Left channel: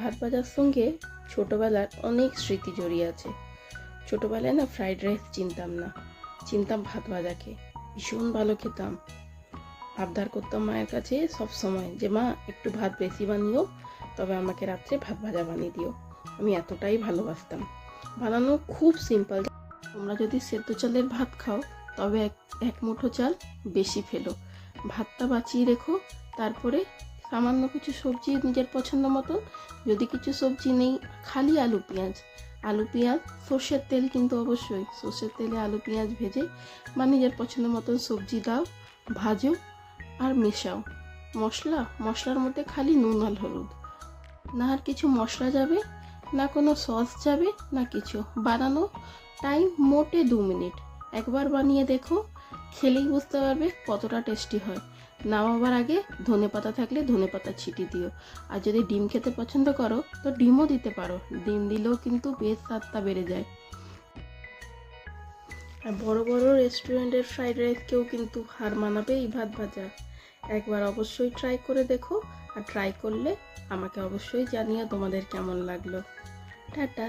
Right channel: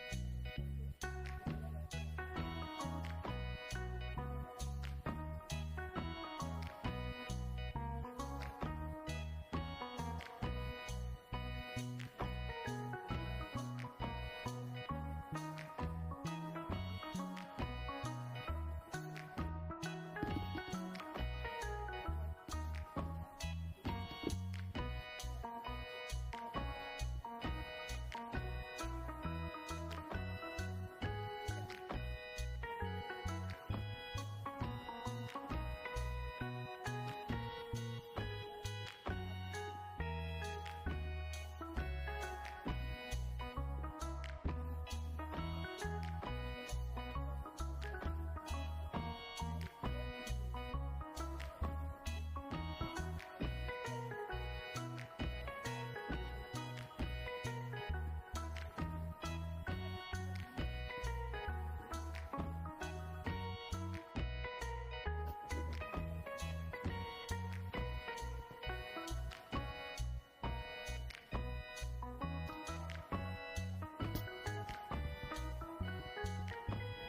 ভাত ভাজার সঙ্গে ছোটোবেলার অনেক স্মৃতি জড়িয়ে আছে। ছোটোবেলায় না ফ্রাইড রাইস চিনতাম ভাত ভাজাকে ভীষণ ভালো খেতাম। আবদার করতাম মায়ের কাছে সব সময় যে মা একটু ভাত বেশি বানিও, তবে আমাকে রাত্রে ভাত ভাজা বানিয়ে দিও। আমি এতটাই ভালোবাসতাম। বানানো খুব সিম্পল। তোমরা যদি সেদ্ধ চালের ভাত খাও তবে এক মুঠো চাল বেশি ফেলো, ভাতটা বাঁচিয়ে রেখো। তারপরে সামান্য কিছু সবজি নিজের পছন্দ মতো, যদি কিছু সবজি নেই খালি আলু পেঁয়াজ সর্ষের তেল, কিন্তু অবশ্যই সর্ষের তেলে আলু পেঁয়াজ ভেজে বা নিজের পছন্দ মতো সবজি দাও, ভাজো আর মেশাও। মশলার মধ্যে খালি নুন আর হলুদ, না আর কিছু মশলা যাবে, না কোনো সস যাবে, না কিছু। বানানো টাইম মোটে 2 মিনিট। একবার বানিয়ে দেখো, খেলেই বুঝতে পারবে কতটা টেস্টি হয়। নামাবার আগে ধনেপাতা থাকলে ধনেপাতা ছিটিয়ে দিও। আর যদি ডিম খেতে পছন্দ করো তো ডিমও দিতে পারো, ডিম দিলেও কিন্তু বেশ স্বাদটা বেড়ে যায়। আর বড় বড় রেস্টুরেন্টের ফ্রাইড রাইসকেও কিন্তু হার মানাবে এই ভাত ভাজা। একবার অবশ্যই ট্রাই করে দেখো, আর ট্রাই করলে আমাকে অবশ্যই জানিও তোমাদের কেমন লাগলো। টাটা।